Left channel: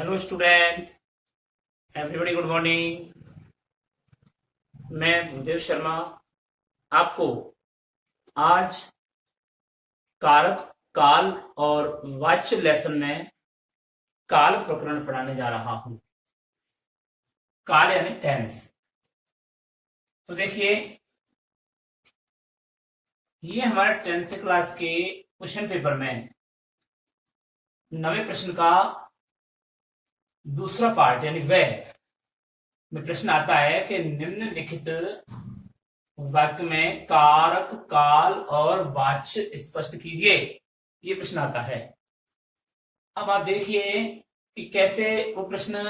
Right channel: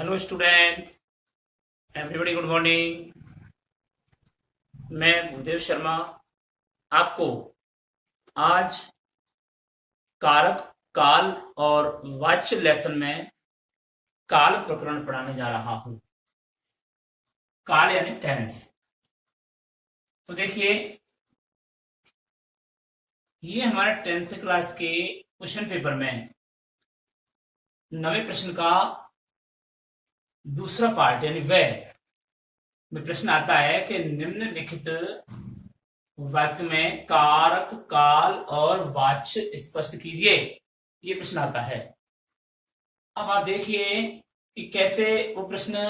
Hello student, everybody good morning. मैं भूदेव शर्मा आपको आज कारक, काल और वाच्य लेसन में काल प्रकरण पढ़ाने जा रहा हूं। काल यानी टेंस। तो देखिए, ये हमारे 10th क्लास के क्वेश्चन पेपर में 9वें प्रश्न का दूसरा पार्ट यानी वह में प्रश्न आता है कि निम्नलिखित वाक्य में कारक, काल और वाच्य स्पष्ट कीजिए। ये प्रश्न आता है। अब आप देखिए कि कैसे वो प्रश्न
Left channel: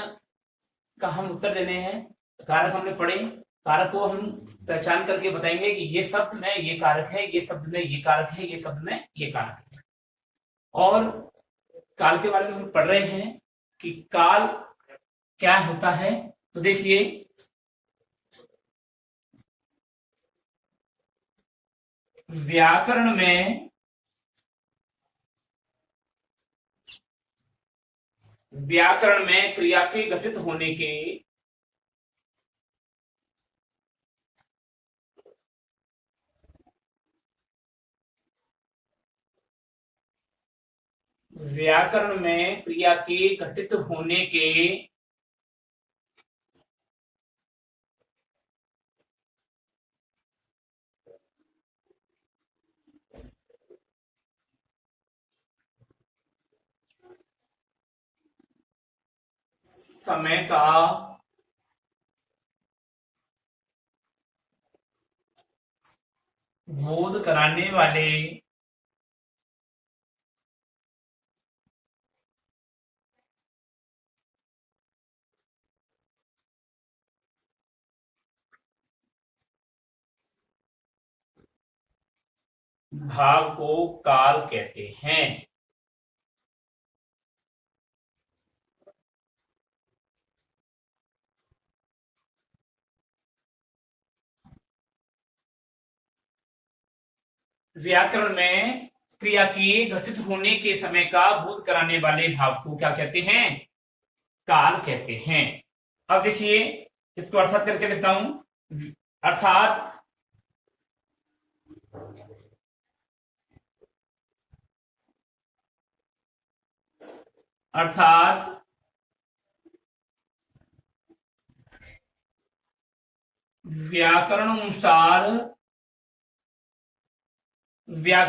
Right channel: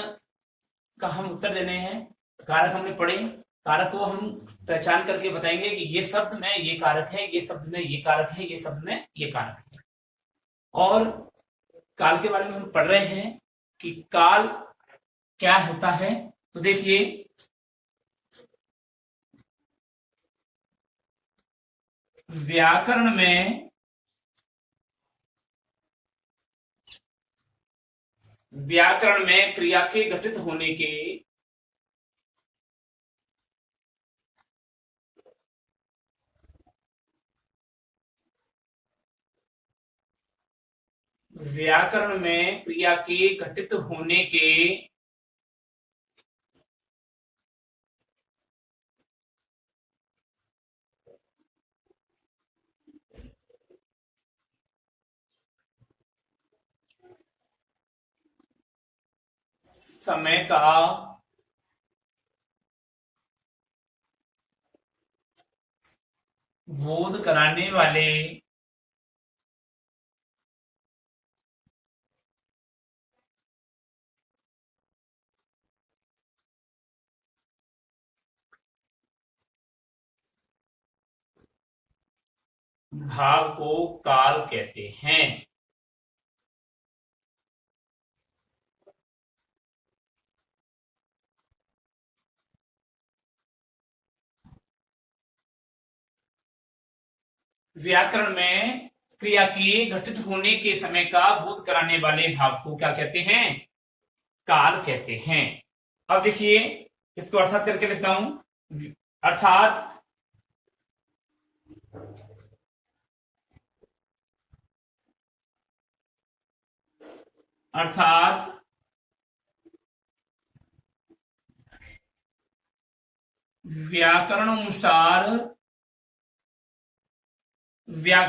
का हम उत्तर देने हैं। कारक हमने पढ़े, कारक को हम पहचान करके बताएंगे कि ये शब्द में ये कारक है, ये शब्द में ये कारक है, ये शब्द में ये कारक है। और काल के बारे में हम पढ़ रहे हैं कि काल क्या होता है। तो देखिए, व्याकरण में क्रिया के घटित होने के व्याकरण में क्रिया के घटित होने के समय का बोध कराने वाले भाव को काल कहते हैं। व्याकरण में क्रिया के घटित होने के समय का बोध कराने वाले भाव को क्या कहते हैं? काल कहते हैं। अब देखिए, इसको अर्थात करके लिखता हूं। अर्थात अर्थात व्याकरण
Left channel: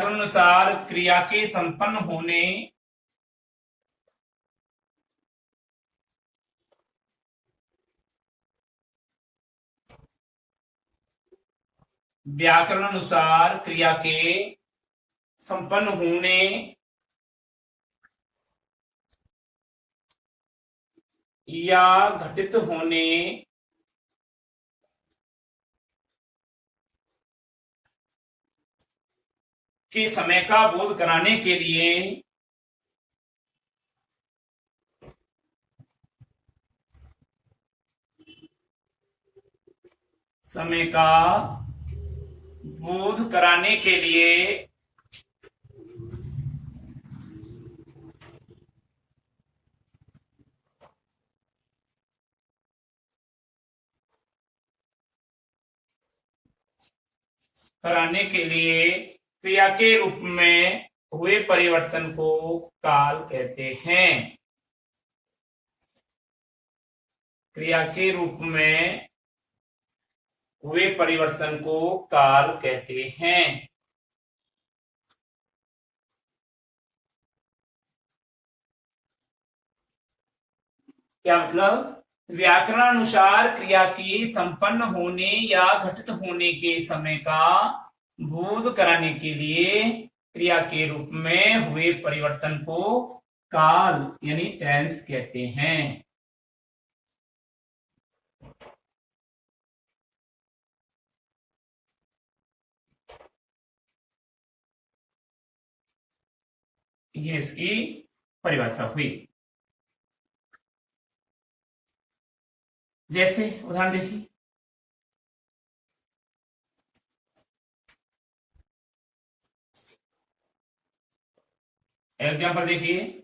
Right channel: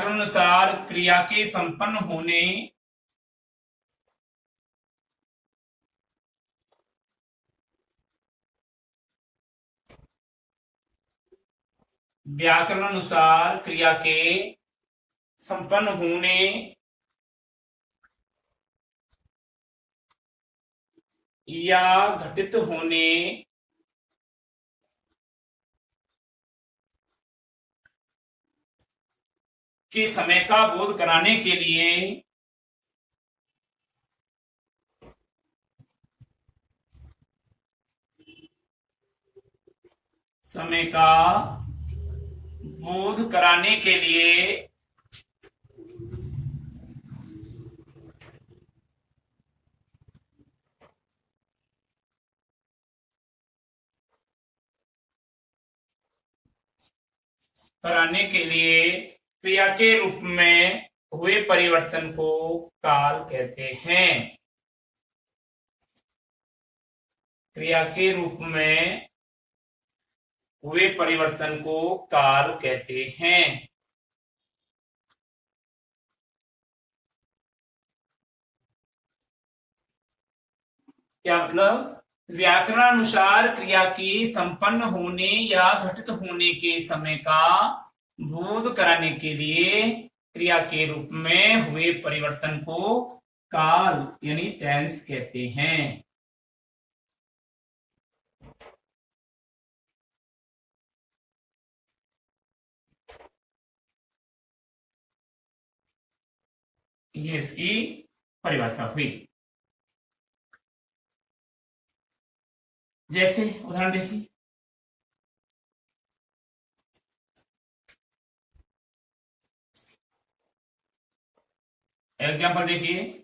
अनुसार क्रिया के संपन्न होने व्याकरण अनुसार क्रिया के संपन्न होने या घटित होने के समय का बोध कराने के लिए समय का बोध कराने के लिए क्रिया के रूप में हुए परिवर्तन को काल कहते हैं। क्रिया के रूप में हुए परिवर्तन को काल कहते हैं। क्या मतलब? व्याकरण अनुसार क्रिया के संपन्न होने या घटित होने के समय का बोध कराने के लिए क्रिया के रूप में हुए परिवर्तन को काल यानी टेंस कहते हैं। ये इसकी परिभाषा हुई। जैसे उदाहरण देखिए, एग्जाम्पल देखिए,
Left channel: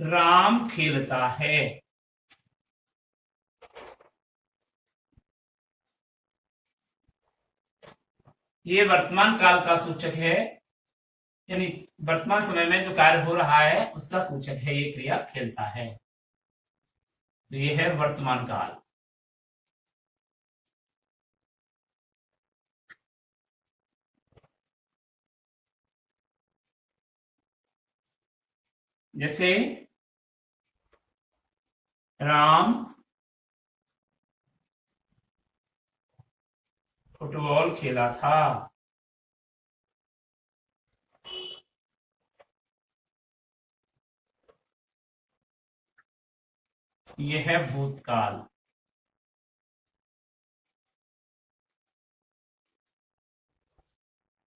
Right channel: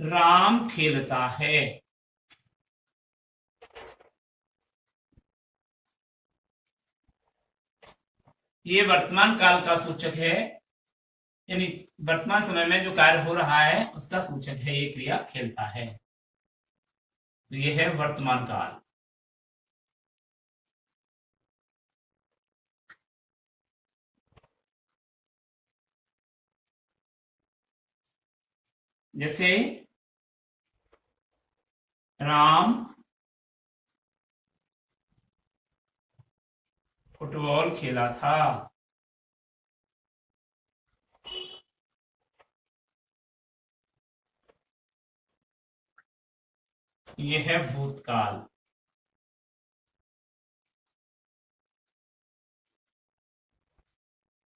राम खेलता है। ये वर्तमान काल का सूचक है, यानी वर्तमान समय में जो कार्य हो रहा है उसका सूचक है ये क्रिया खेलता है। तो ये है वर्तमान काल। जैसे राम फुटबॉल खेला था। ये है भूतकाल।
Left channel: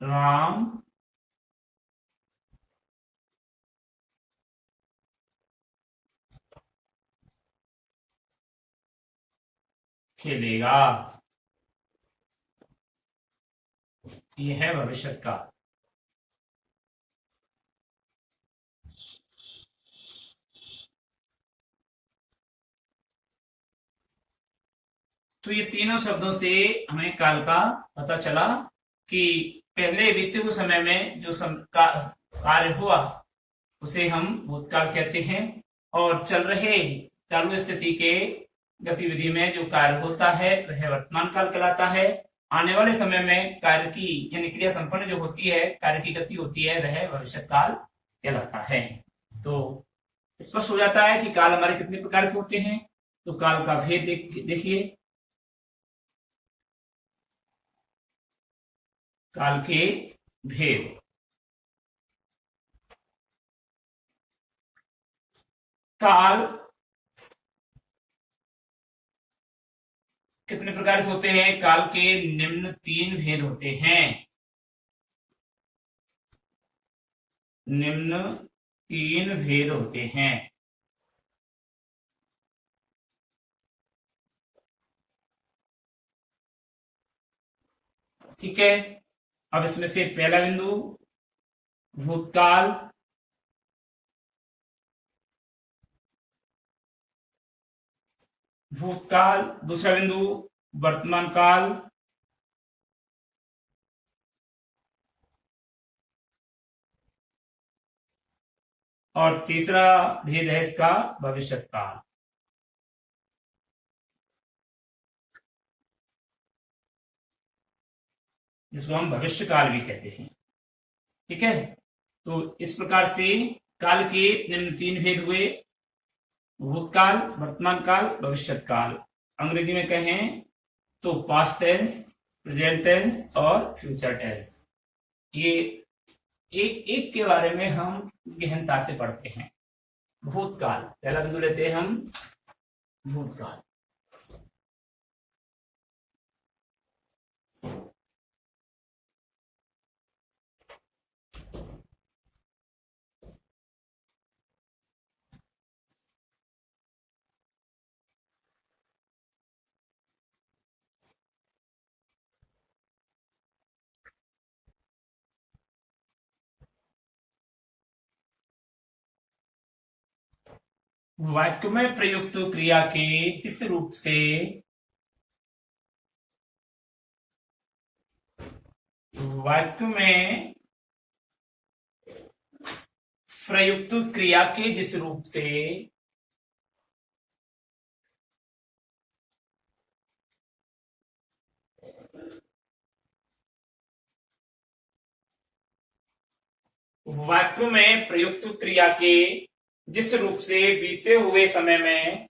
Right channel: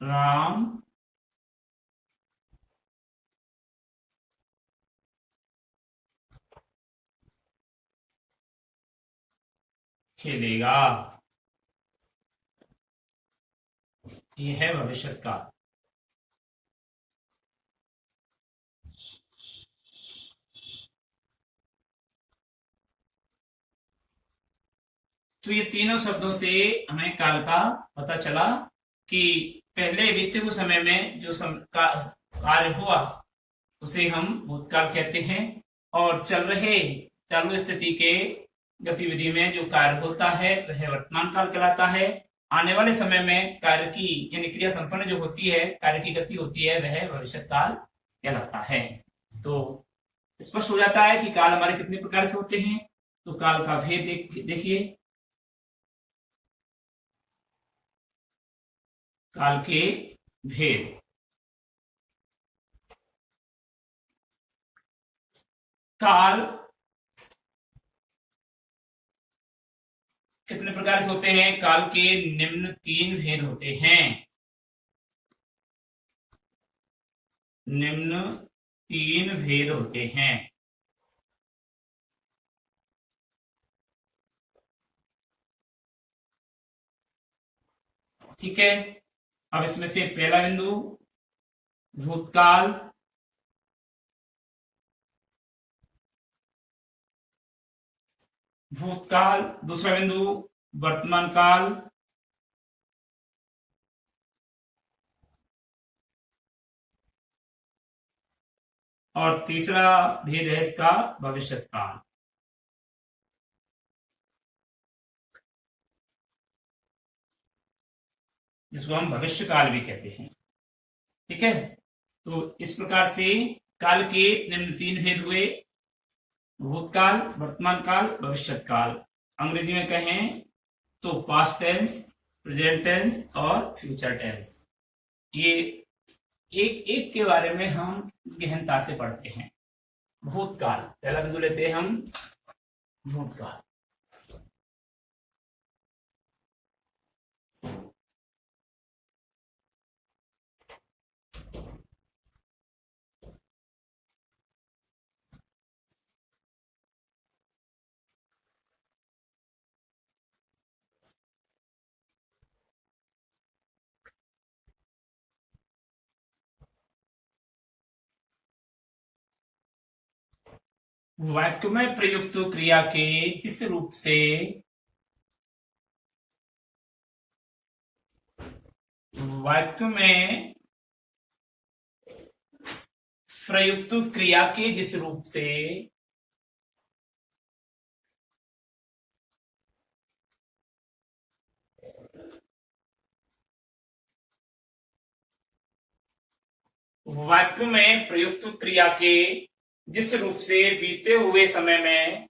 राम खेलेगा। ये है भविष्य काल। तो ये तीनों शब्दों से हमें काल का पता चला कि पहले बीते हुए समय में जो कार्य हुआ उसे हम भूतकाल कहते हैं, और चल रहे चालू स्थिति के गतिविधि में जो कार्य होता है वह वर्तमान काल कहलाता है। आने वाले समय में कार्य की यानी क्रिया संपन्न जो होती है, कार्य की गति होती है, वह भविष्य काल कहलाता है। तो स्पष्ट हो जाता है कि काल हमारे कितने प्रकार के होते हैं। तो काल का भेद देखिए। काल के भेद। काल कितने प्रकार के होते हैं? काल के निम्न 3 भेद होते हैं। निम्न 3 भेद होते हैं। ठीक है। अब इसमें से पहला बिंदु भूतकाल, भूतकाल। दूसरा बिंदु वर्तमान काल। और तीसरा भेद है इसका भविष्य काल, जिसको हम भविष्य काल भी कहते हैं। ठीक है। तो इस प्रकार से काल के निम्न 3 भेद हुए: भूतकाल, वर्तमान काल, भविष्य काल। अंग्रेजी में कहें तो पास्ट टेंस, प्रेजेंट टेंस और फ्यूचर टेंस। ये एक एक के बारे में हम गहनता से पढ़ते हैं। भूतकाल, पहला बिंदु लेते हैं हम भूतकाल। वाक्य में प्रयुक्त क्रिया के जिस रूप से वाक्य में प्रयुक्त क्रिया के जिस रूप से वाक्य में प्रयुक्त क्रिया के जिस रूप से बीते हुए समय में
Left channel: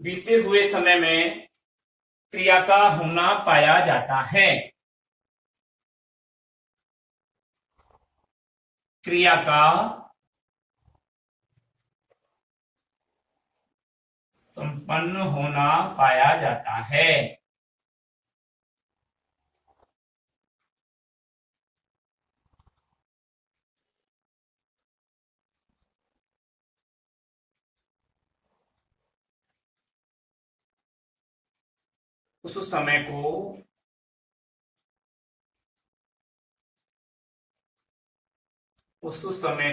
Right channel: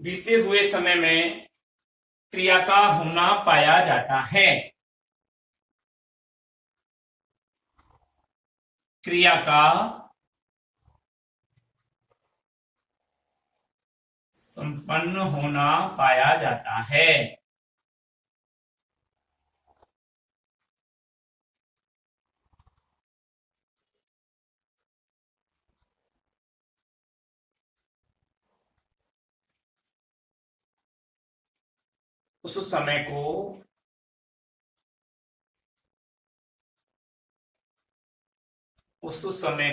बीते हुए समय में क्रिया का होना पाया जाता है। क्रिया का संपन्न होना पाया जाता है। उस समय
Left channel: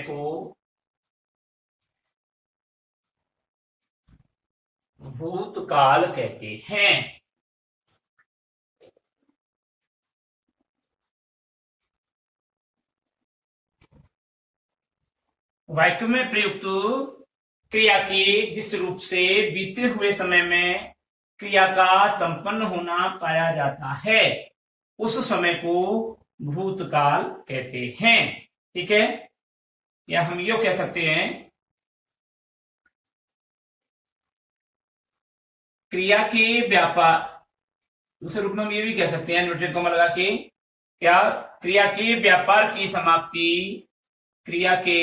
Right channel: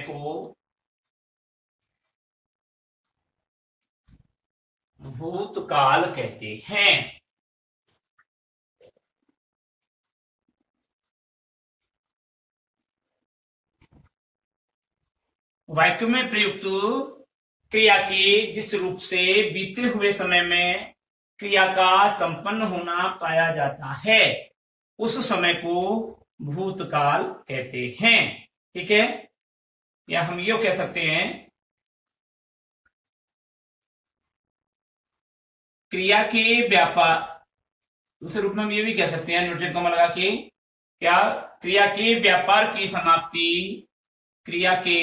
को भूतकाल कहते हैं। वाक्य में प्रयुक्त क्रिया के जिस रूप से बीते हुए समय में क्रिया का संपन्न होना पाया जाता है उस समय को भूतकाल कहते हैं। ठीक है, या हम ये कह सकते हैं क्रिया के व्यापार, दूसरे रूप में हम ये भी कह सकते हैं इन्वर्टेड कॉमा लगा के, क्या क्रिया के व्यापार की समाप्ति, क्रिया के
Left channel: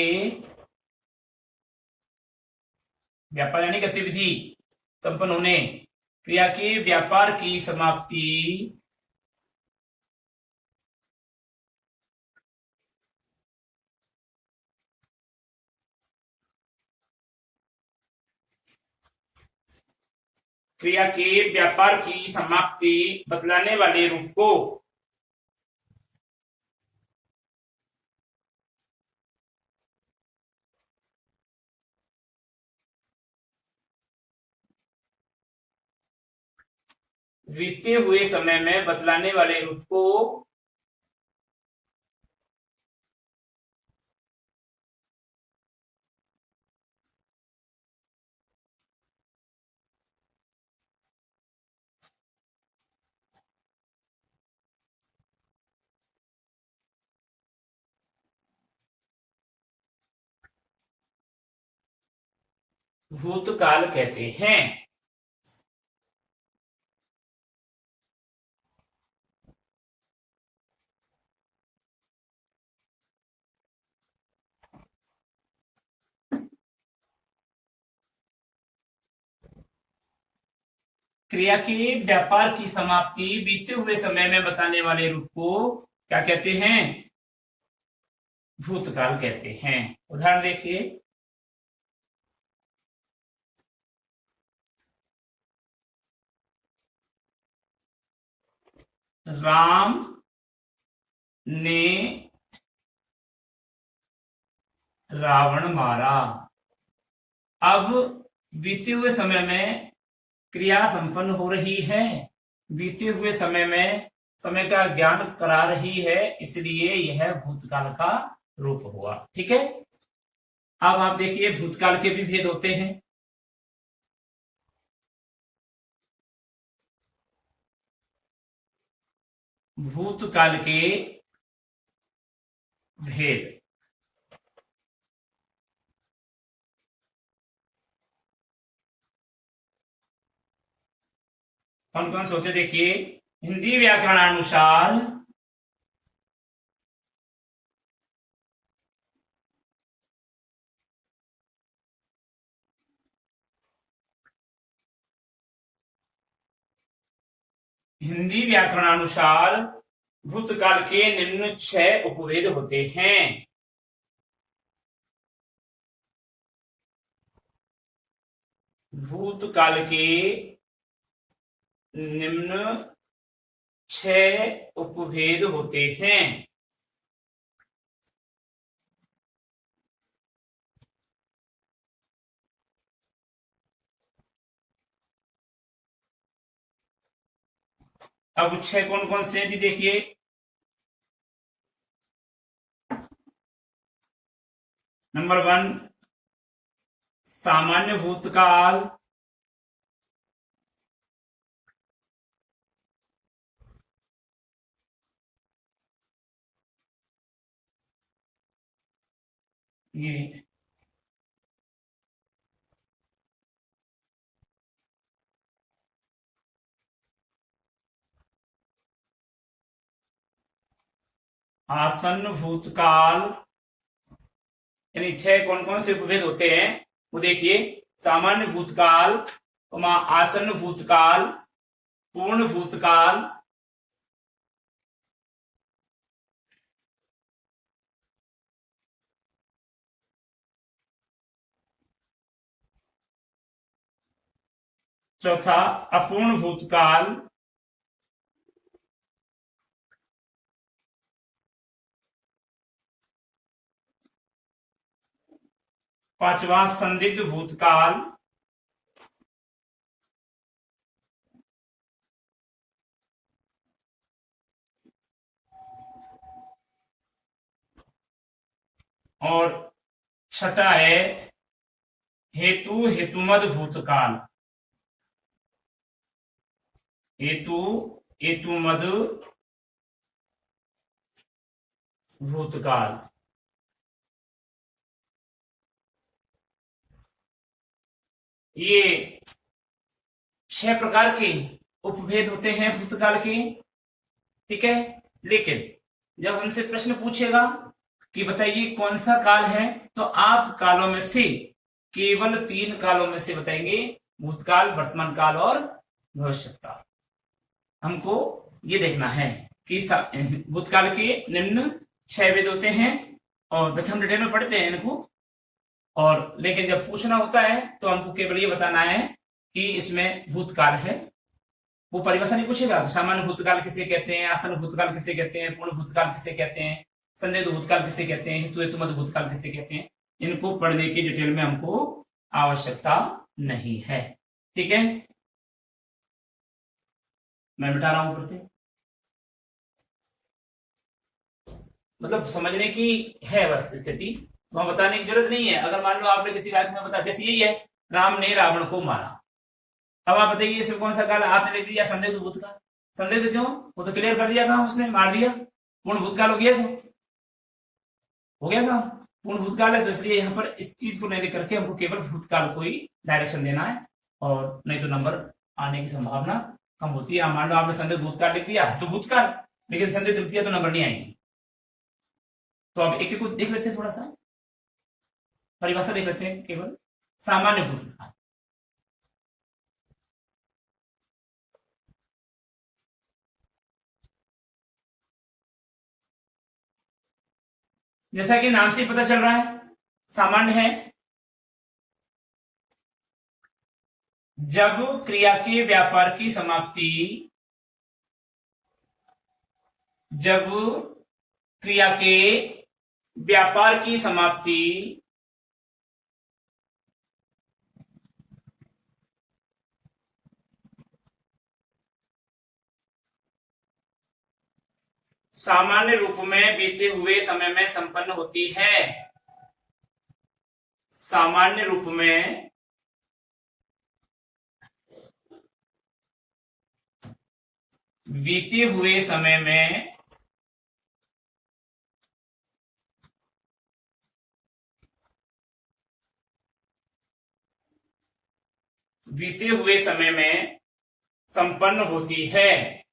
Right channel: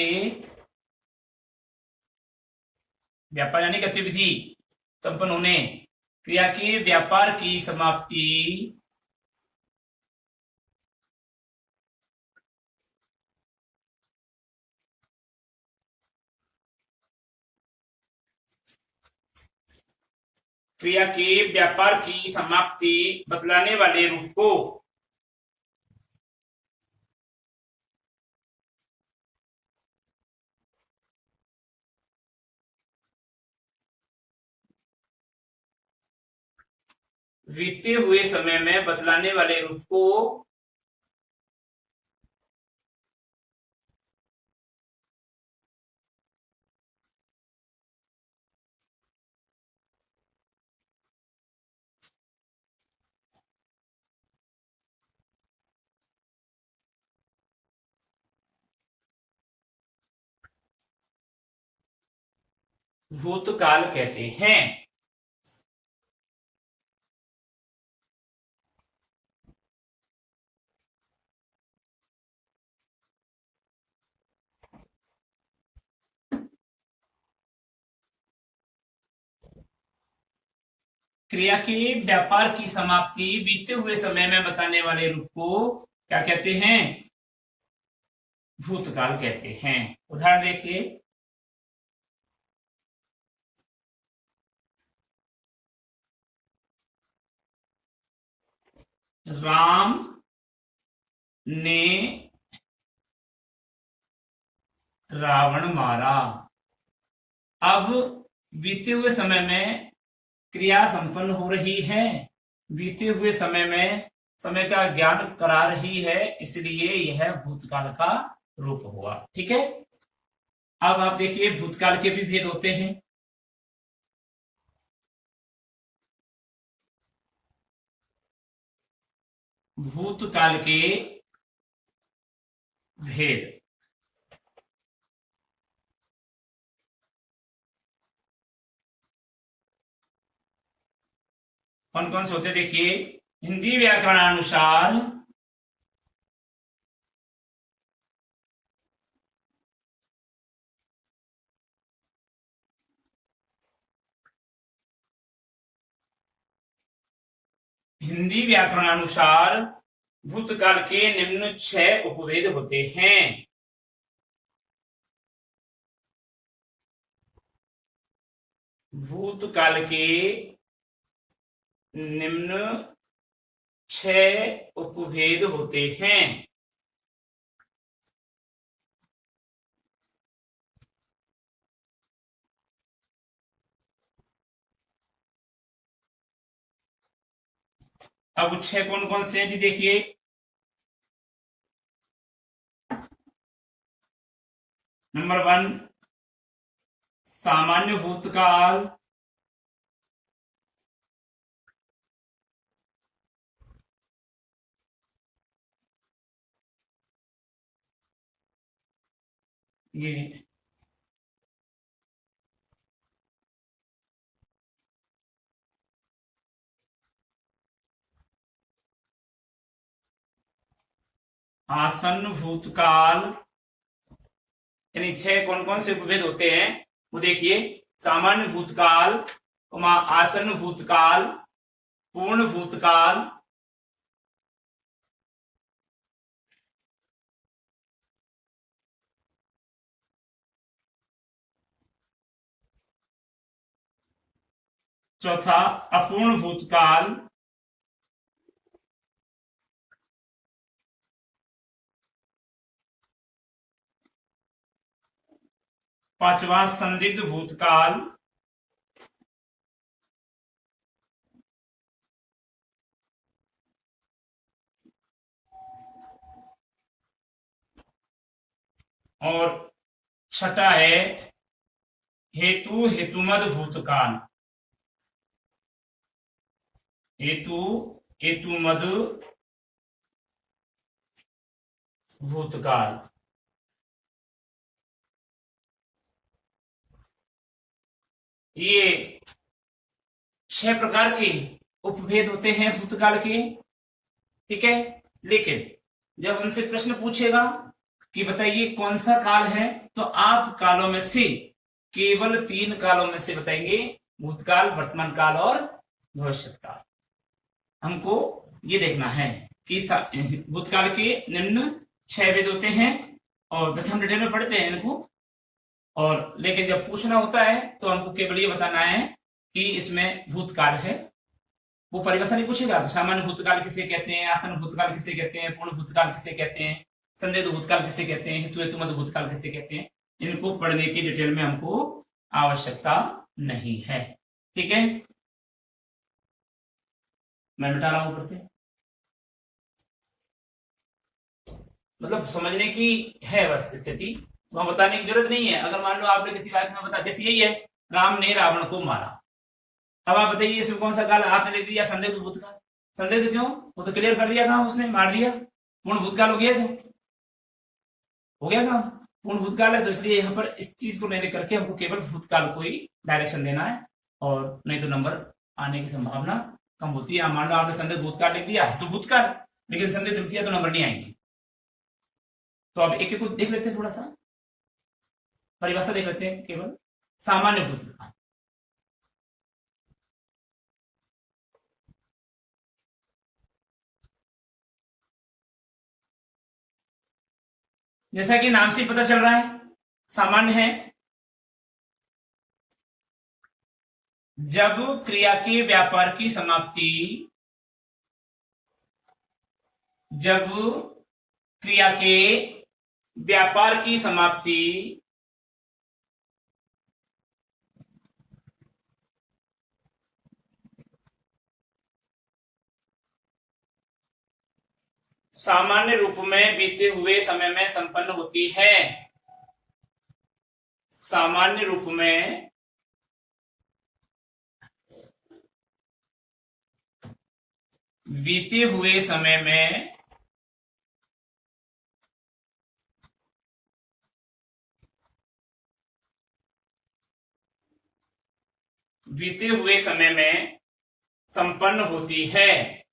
व्यापार यानी गतिविधि संपन्न होने, क्रिया के व्यापार की समाप्ति क्रिया के व्यापार की समाप्ति बतलाने वाले रूप को बीते हुए समय में बतलाने वाले रूप को भूतकाल कहते हैं। क्रिया के व्यापार की समाप्ति बीते हुए समय में बताने वाले रूप को क्या कहते हैं? भूतकाल कहते हैं। उदाहरण देखिए, राम ने रावण मारा। अब बीते हुए समय में क्रिया संपन्न हो रही है, बीते हुए समय में समय का ज्ञान करा रही है, इसलिए यह भूतकाल का रूप हुआ। ठीक है, अब आप देखिए भूतकाल के भी भेद होते हैं। भूतकाल के भेद कौन कौन से होते देखिए। हिंदी व्याकरणानुसार भूतकाल के निम्न 6 उपभेद होते हैं। भूतकाल के निम्न 6 उपभेद होते हैं। अब 6 कौन कौन से हैं जी देखिए। नंबर 1 सामान्य भूतकाल, ये आसन्न भूतकाल, यानी 6 कौन कौन से उपभेद होते हैं वो देखिए। सामान्य भूतकाल, आसन्न भूतकाल, पूर्ण भूतकाल, चौथा अपूर्ण भूतकाल, पांचवा संदिग्ध भूतकाल, और छठा है हेतु हेतुमद भूतकाल, हेतु हेतुमद भूतकाल। ये 6 प्रकार के उपभेद होते हैं भूतकाल के। ठीक है, लेकिन जब हमसे प्रश्न पूछेगा कि बताइए कौन सा काल है, तो आप कालों में से केवल 3 कालों में से बताएंगे, भूतकाल, वर्तमान काल और भविष्य काल। हमको ये देखना है कि भूतकाल के निम्न 6 वेद होते हैं, और वैसे हम डिटेल में पढ़ते हैं इनको, और लेकिन जब पूछना होता है तो हमको केवल ये बताना है कि इसमें भूतकाल है। वो परिभाषा नहीं पूछेगा, सामान्य भूतकाल किसे कहते हैं, आसन भूतकाल किसे कहते हैं, पूर्ण भूतकाल किसे कहते हैं, संदिग्ध भूतकाल किसे कहते हैं, हेतु हेतुमद भूतकाल किसे कहते हैं। इनको पढ़ने की डिटेल में हमको आवश्यकता नहीं है। ठीक है, मैं मिटा रहा हूं ऊपर से, मतलब समझने की है बस स्थिति, वहां बताने की जरूरत नहीं है। अगर मान लो आपने किसी बात में बता, जैसे यही है, राम ने रावण को मारा, अब आप बताइए इसमें कौन सा काल आपने ले दिया, संदिग्ध भूतकाल। संदिग्ध क्यों, वो तो क्लियर कर दिया था, उसने मार दिया, पूर्ण भूतकाल हो गया था, हो गया था, पूर्ण भूतकाल है। तो इसलिए यहाँ पर इस चीज को नहीं लेकर के हमको केवल भूतकाल को ही डायरेक्शन देना है, और नहीं तो नंबर आने की संभावना कम होती है। मान लो आपने संदिग्ध भूतकाल लिख दिया तो भूतकाल, लेकिन संदिग्ध लिख दिया तो नंबर नहीं आएंगे। तो अब एक एक को देख लेते हैं, थोड़ा सा परिभाषा देख लेते हैं। केवल सामान्य भूतकाल, जैसा कि नाम से पता चल रहा है, सामान्य है जब क्रिया के व्यापार की समाप्ति, जब क्रिया के व्यापार की समाप्ति सामान्य रूप में बीते हुए समय में संपन्न होती है। सामान्य रूप में बीते हुए समय में बीते हुए समय में संपन्न होती है।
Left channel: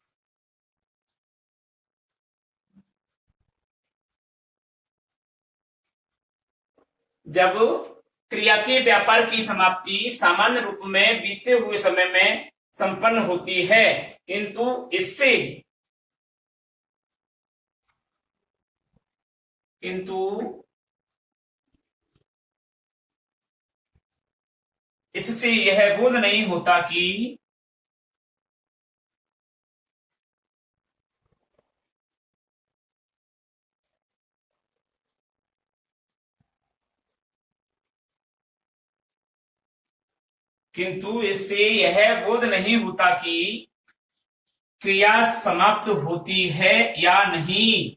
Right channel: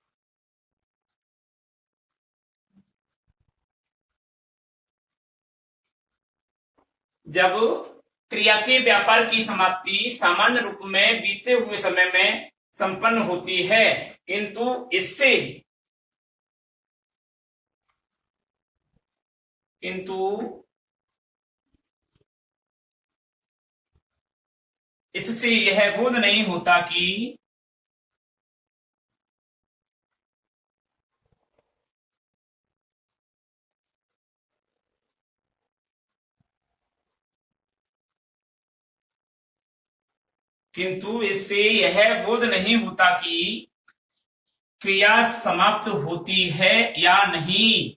जब क्रिया के व्यापार की समाप्ति सामान्य रूप में बीते हुए समय में संपन्न होती है, किंतु इससे यह बोध नहीं होता कि किंतु इससे यह बोध नहीं होता कि क्रिया समाप्त होती है या नहीं।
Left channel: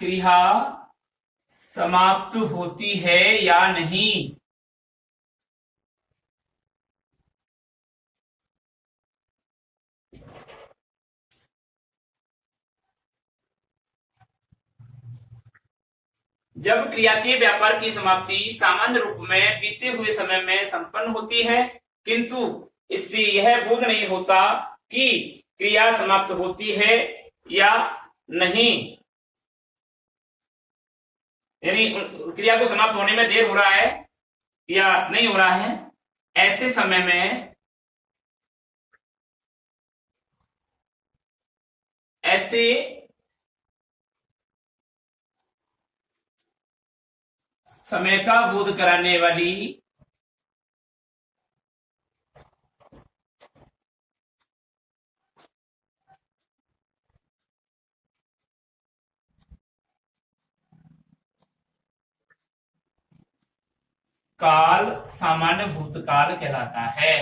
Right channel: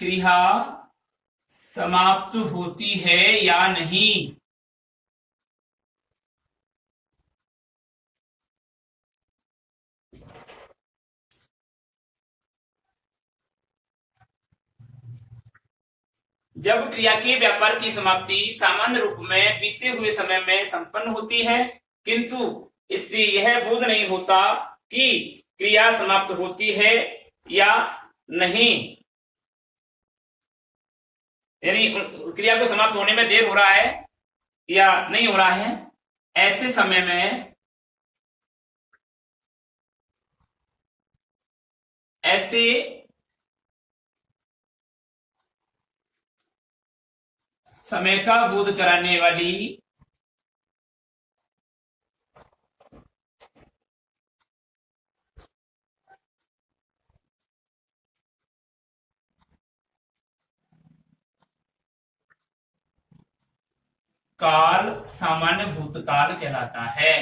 क्रिया समाप्त होती है या नहीं। जब क्रिया के व्यापार की समाप्ति सामान्य रूप में बीते हुए समय में संपन्न होती है, किंतु इससे यह बोध नहीं होता कि क्रिया समाप्त होती है या नहीं। यानी क्रिया को समाप्त होने में देर हो रहा है या नहीं हो रहा है, ऐसे समय में ऐसे समय का बोध कराने वाली काल सामान्य भूतकाल कहलाता है।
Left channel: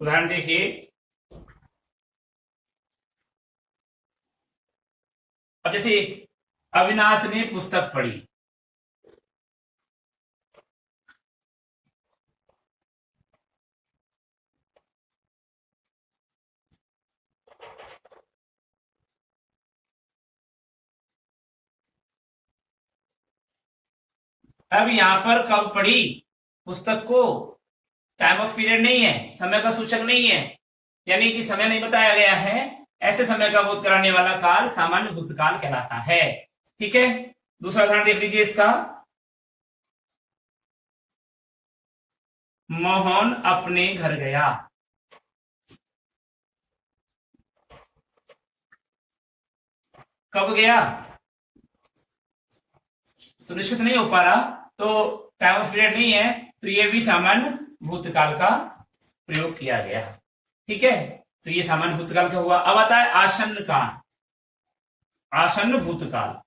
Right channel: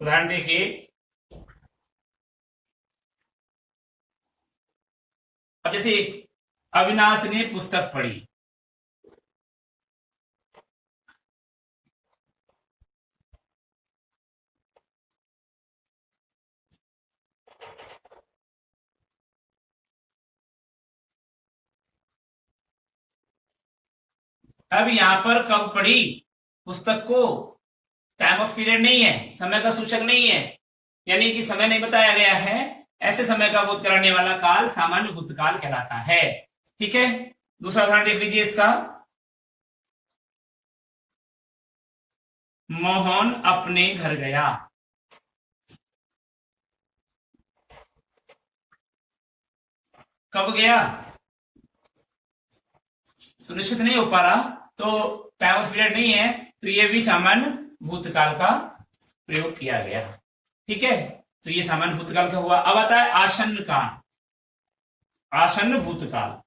उदाहरण देखिए, अब जैसे अविनाश ने पुस्तक पढ़ी, अब यहां पर कब पढ़ी पुस्तक को, टाइम ऑफ पीरियड नहीं है, समय का सूचक नहीं है, यानी कि समय नहीं बताया गया है, ऐसे समय का बोध कराने वाला काल सामान्य भूतकाल कहलाता है। ठीक है, दूसरा उदाहरण देख लीजिए इसका। मोहन अपने घर गया, कब गया, सुनिश्चित नहीं हो पा रहा, तो टाइम ऑफ पीरियड नहीं है, तो ये भी सामान्य भूतकाल का प्रयोग किया गया। ठीक है, तो ये सामान्य भूतकाल का हुआ। अब आता है आसन्न काल, आसन्न भूतकाल।